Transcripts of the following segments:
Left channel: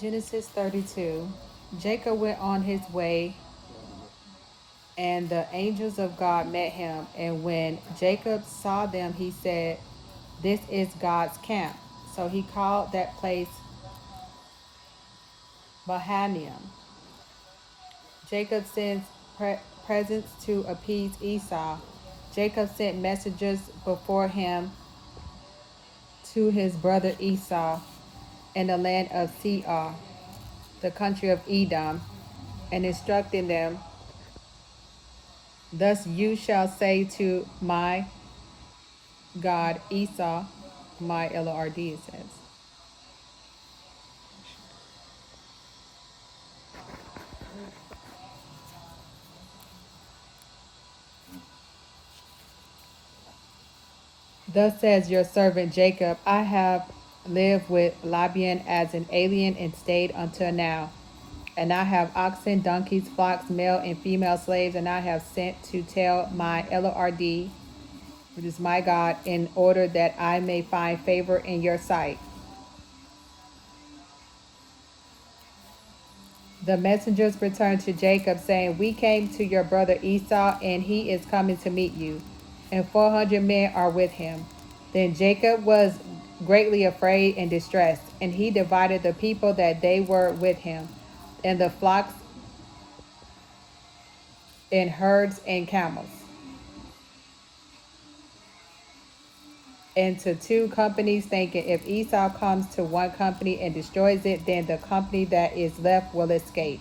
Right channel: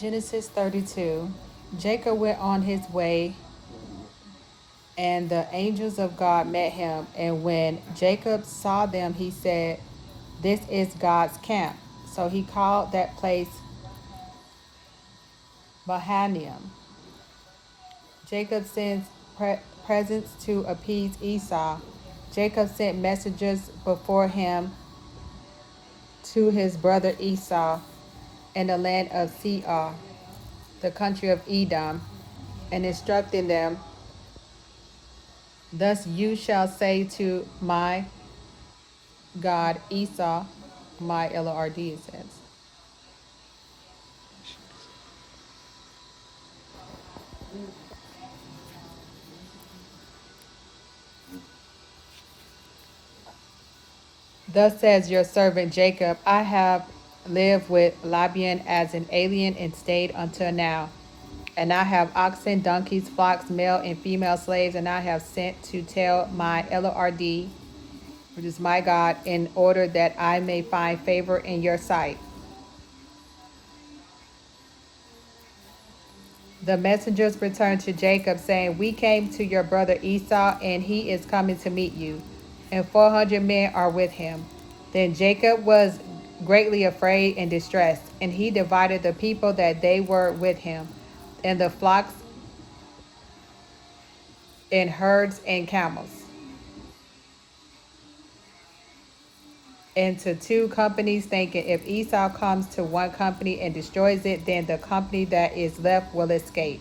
Genesis 32. Jacob went on his way, and the angels of God met him. And when Jacob saw them, he said, "This is God's camp." So he called that place Mahanaim. Jacob sends presents to appease Esau. Jacob sent messengers before him to his brother Esau in the land of Seir, the country of Edom, and instructing them, "Thus you shall say to my God Esau," my Lord it says. "Thus says your servant Jacob, I have lived with Laban as an alien and stayed until now. And I have oxen, donkeys, flocks, male and female slaves, and I have sent to tell my Lord, which is my God, in order that I may find favor in your sight." The messengers returned to Jacob, saying, "We came to your brother Esau, and he is coming to meet you, and 400 men are with him." Then Jacob was greatly afraid and distressed, and he divided the people that they were with him, and the flocks and herds and camels, into two companies, thinking, "If Esau comes to one company and destroys it, then the company that is left will escape."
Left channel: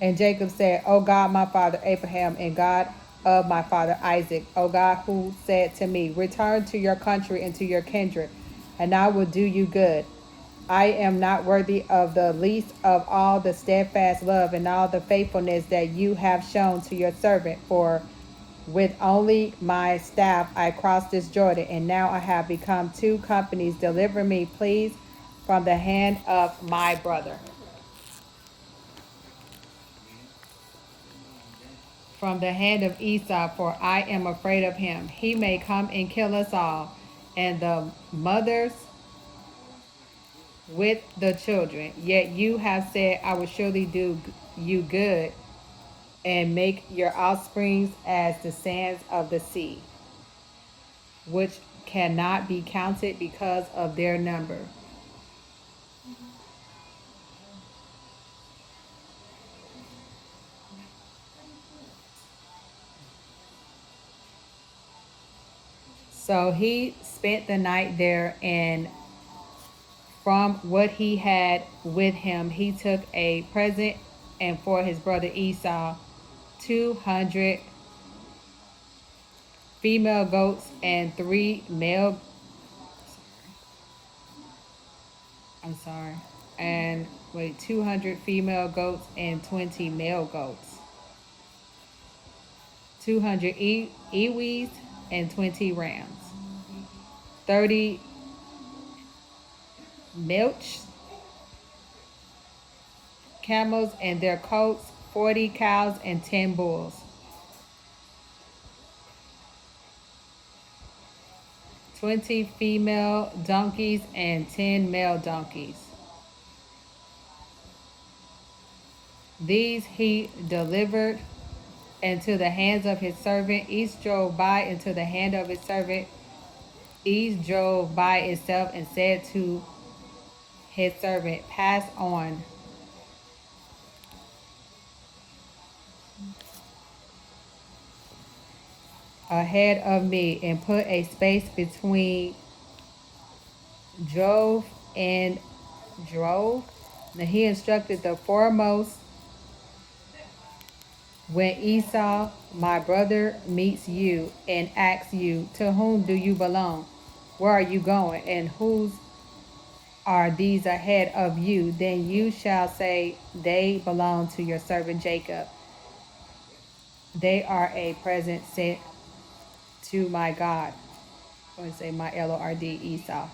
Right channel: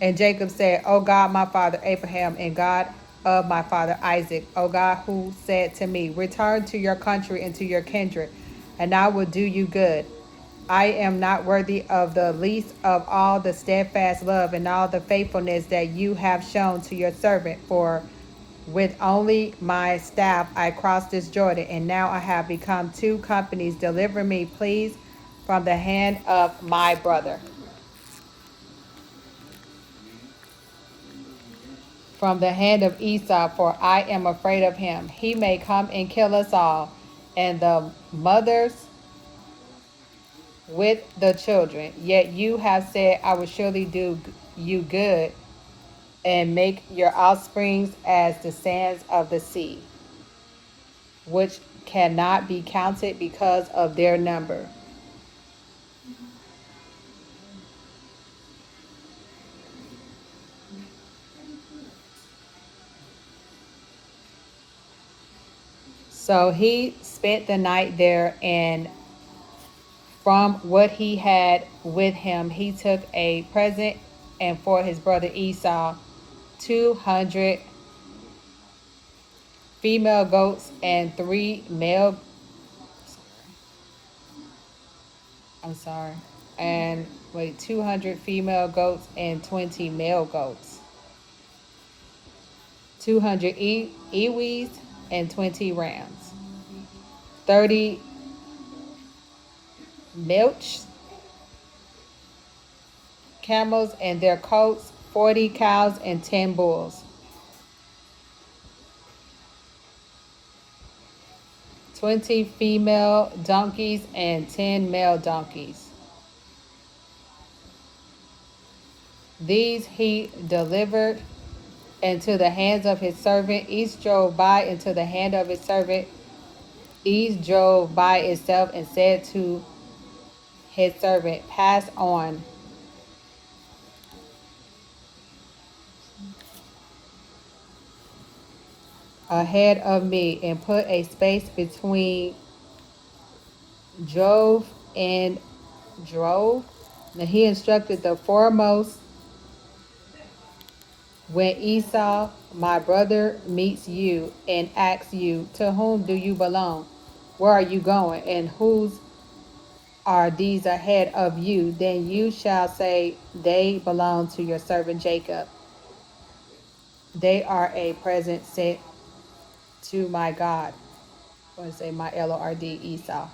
And Jacob said, "O God, my father Abraham, and God of my father Isaac, O God, who said to me, 'Return to your country and to your kindred, and I will do you good.' I am not worthy of the least of all the steadfast love and all the faithfulness that you have shown to your servant, for with only my staff I crossed this Jordan, and now I have become two companies. Deliver me, please, from the hand of my brother, from the hand of Esau, for I am afraid of him. He may come and kill us all, and the mothers with the children. Yet you have said, I will surely do you good, and make your offsprings as the sands of the sea, which cannot be counted because of their number." So he spent the night there, and from what he had with him, he took a present, and for his brother Esau, 200 female goats and three male, I'm sorry, and wait, 200 female goats and 20 male goats, 200 ewes and 20 rams, 30 milch camels and their coats, 40 cows and 10 bulls, 20 female donkeys and 10 male donkeys. These he delivered into the hands of his servant. Each drove by into the hand of his servant. Each drove by itself and said to his servant, "Pass on ahead of me and put a space between drove and drove." Now he instructed the foremost, "When Esau, my brother, meets you and asks you, 'To whom do you belong? Where are you going? And whose are these ahead of you?' Then you shall say, 'They belong to your servant Jacob. They are a present sent to my God,'" I want to say my Lord Esau.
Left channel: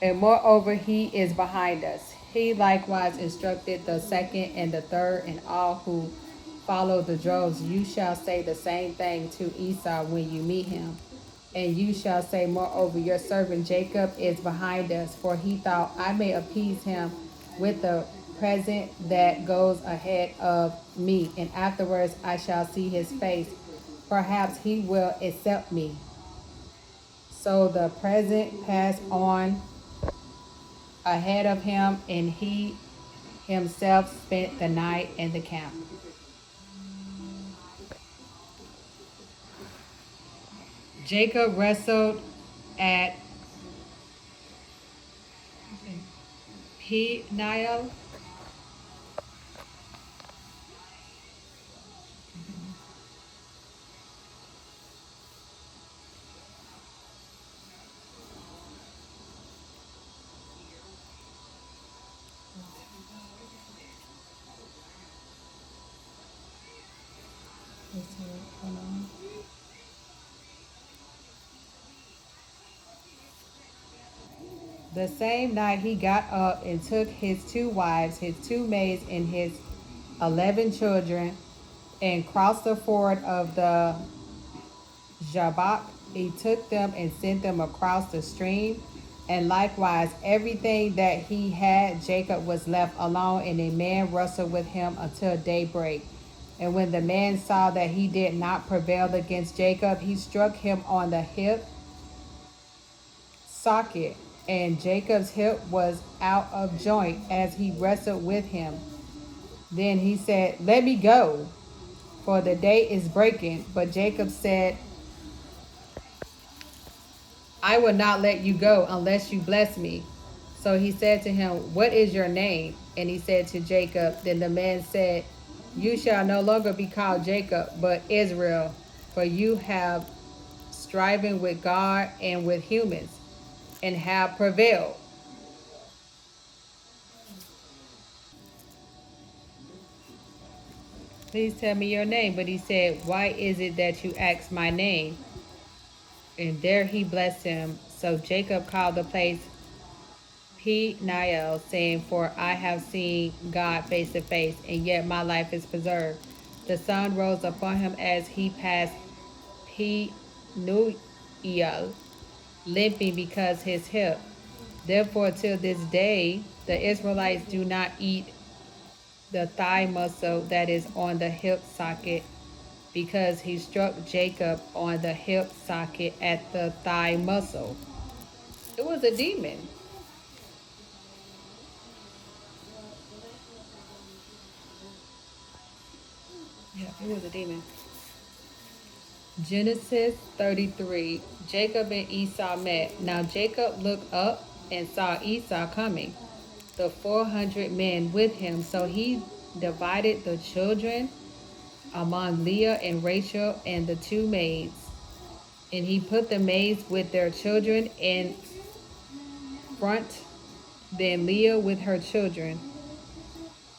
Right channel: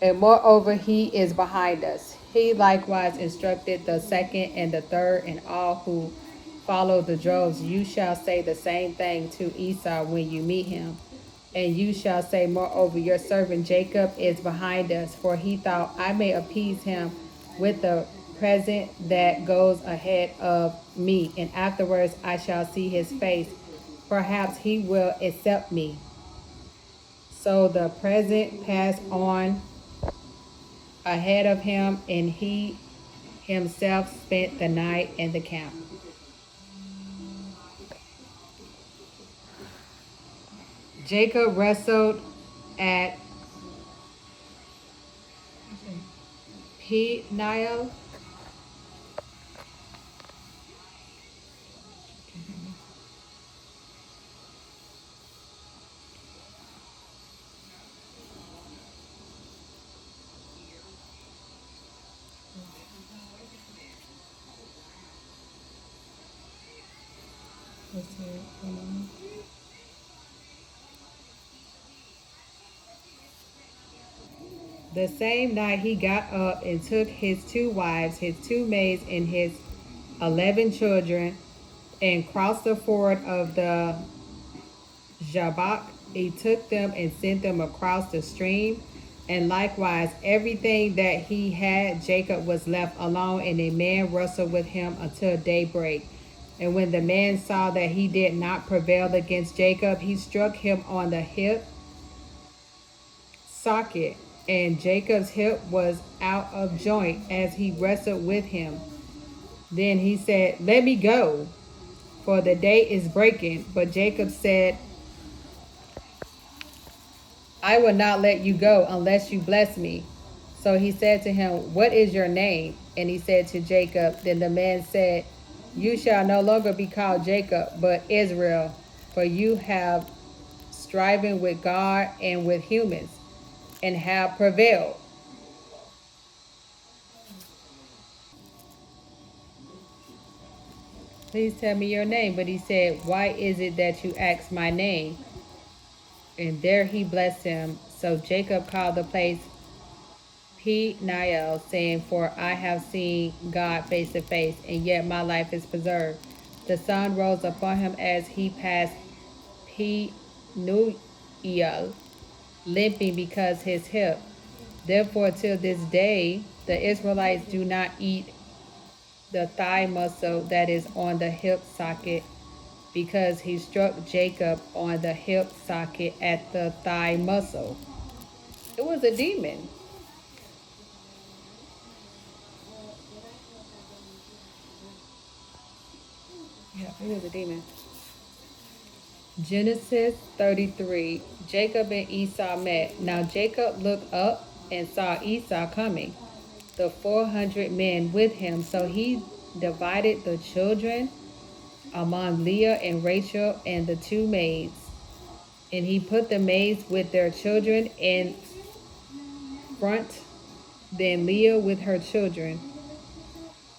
"And moreover, he is behind us." He likewise instructed the second and the third and all who follow the droves. "You shall say the same thing to Esau when you meet him. And you shall say, moreover, your servant Jacob is behind us, for he thought, I may appease him with the present that goes ahead of me, and afterwards I shall see his face. Perhaps he will accept me. So the present passed on ahead of him, and he himself spent the night in the camp. Jacob wrestled at Peniel. The same night he got up and took his 2 wives, his 2 maids, and his 11 children, and crossed the ford of the Jabbok. He took them and sent them across the stream. And likewise, everything that he had, Jacob was left alone, and a man wrestled with him until daybreak. And when the man saw that he did not prevail against Jacob, he struck him on the hip socket, and Jacob's hip was out of joint as he wrestled with him. Then he said, let me go, for the day is breaking. But Jacob said, I will not let you go unless you bless me. So he said to him, what is your name? And he said to Jacob. Then the man said, you shall no longer be called Jacob, but Israel, for you have striven with God and with humans, and have prevailed. Please tell me your name. But he said, why is it that you ask my name? And there he blessed him. So Jacob called the place Peniel, saying, for I have seen God face to face, and yet my life is preserved. The sun rose upon him as he passed Peniel, limping because his hip. Therefore, till this day, the Israelites do not eat the thigh muscle that is on the hip socket, because he struck Jacob on the hip socket at the thigh muscle. It was a demon. Yeah, it was a demon. Genesis 33. Jacob and Esau met. Now Jacob looked up and saw Esau coming, the 400 men with him. So he divided the children among Leah and Rachel and the 2 maids. And he put the maids with their children in front, then Leah with her children,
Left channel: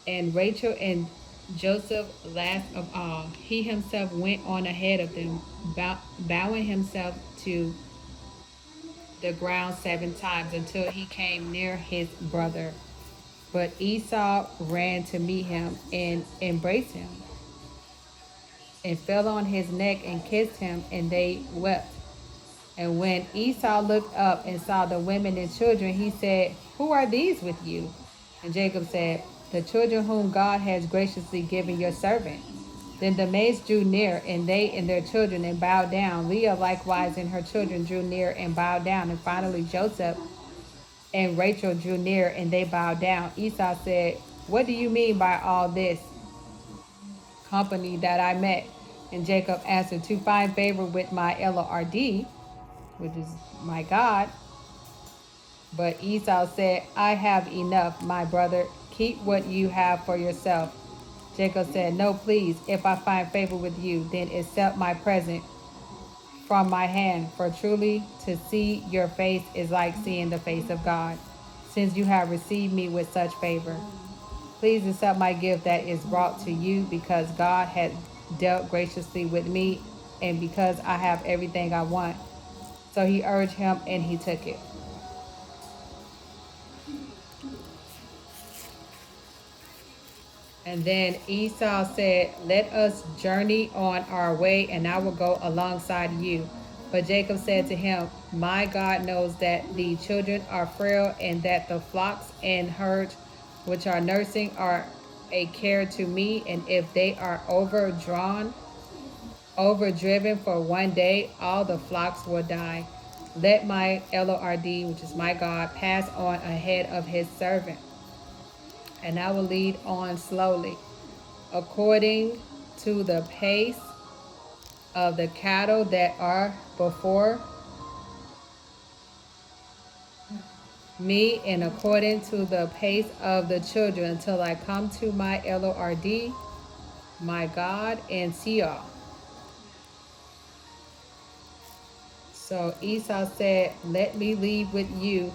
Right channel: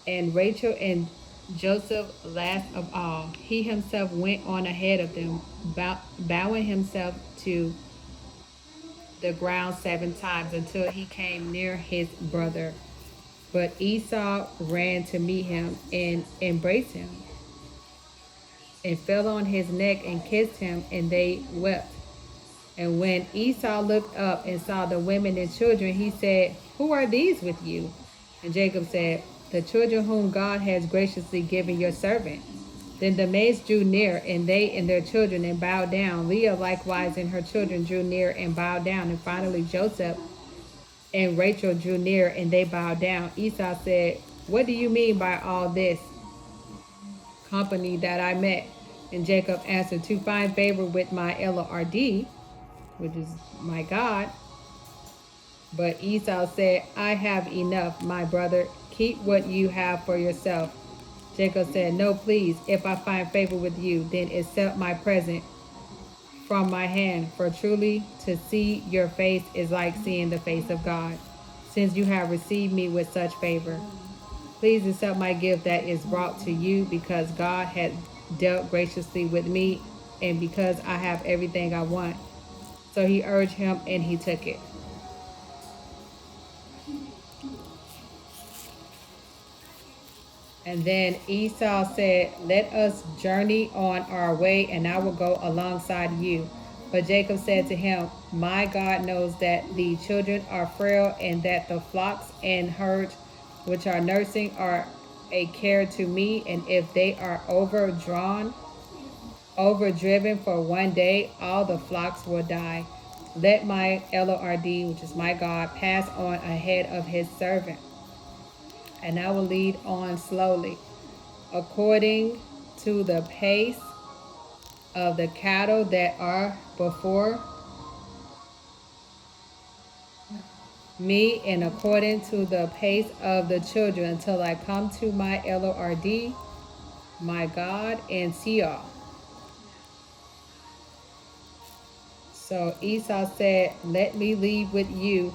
and Rachel and Joseph last of all. He himself went on ahead of them, bowing himself to the ground 7 times until he came near his brother. But Esau ran to meet him and embraced him, and fell on his neck and kissed him, and they wept. And when Esau looked up and saw the women and children, he said, who are these with you? And Jacob said, the children whom God has graciously given your servant. Then the maids drew near, and they and their children, and bowed down. Leah likewise and her children drew near and bowed down. And finally Joseph and Rachel drew near, and they bowed down. Esau said, what do you mean by all this company that I met? And Jacob answered, to find favor with my Lord, which is my God. But Esau said, I have enough, my brother. Keep what you have for yourself. Jacob said, no, please, if I find favor with you, then accept my present from my hand. For truly to see your face is like seeing the face of God, since you have received me with such favor. Please accept my gift that is brought to you, because God has dealt graciously with me, and because I have everything I want. So he urged him, and he took it. And then Esau said, let us journey on our way, and I will go alongside you. But Jacob said to him, my God knows that the children are frail, and that the flocks and herds which are nursing are a care to me, and if they are overdriven for one day, all the flocks will die. Let my Lord, which is my God, pass on ahead of his servant, and I will lead on slowly, according to the pace of the cattle that are before me, and according to the pace of the children, until I come to my Lord, my God, and Seir. So Esau said, let me leave with you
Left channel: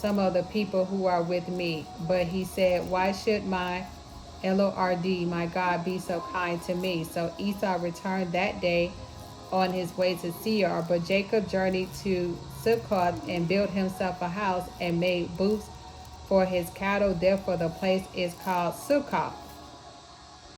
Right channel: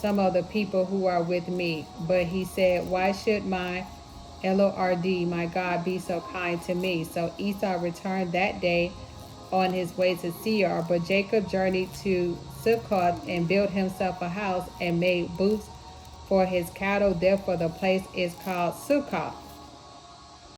some of the people who are with me. But he said, why should my Lord, my God, be so kind to me? So Esau returned that day on his way to Seir. But Jacob journeyed to Succoth and built himself a house and made booths for his cattle. Therefore the place is called Succoth.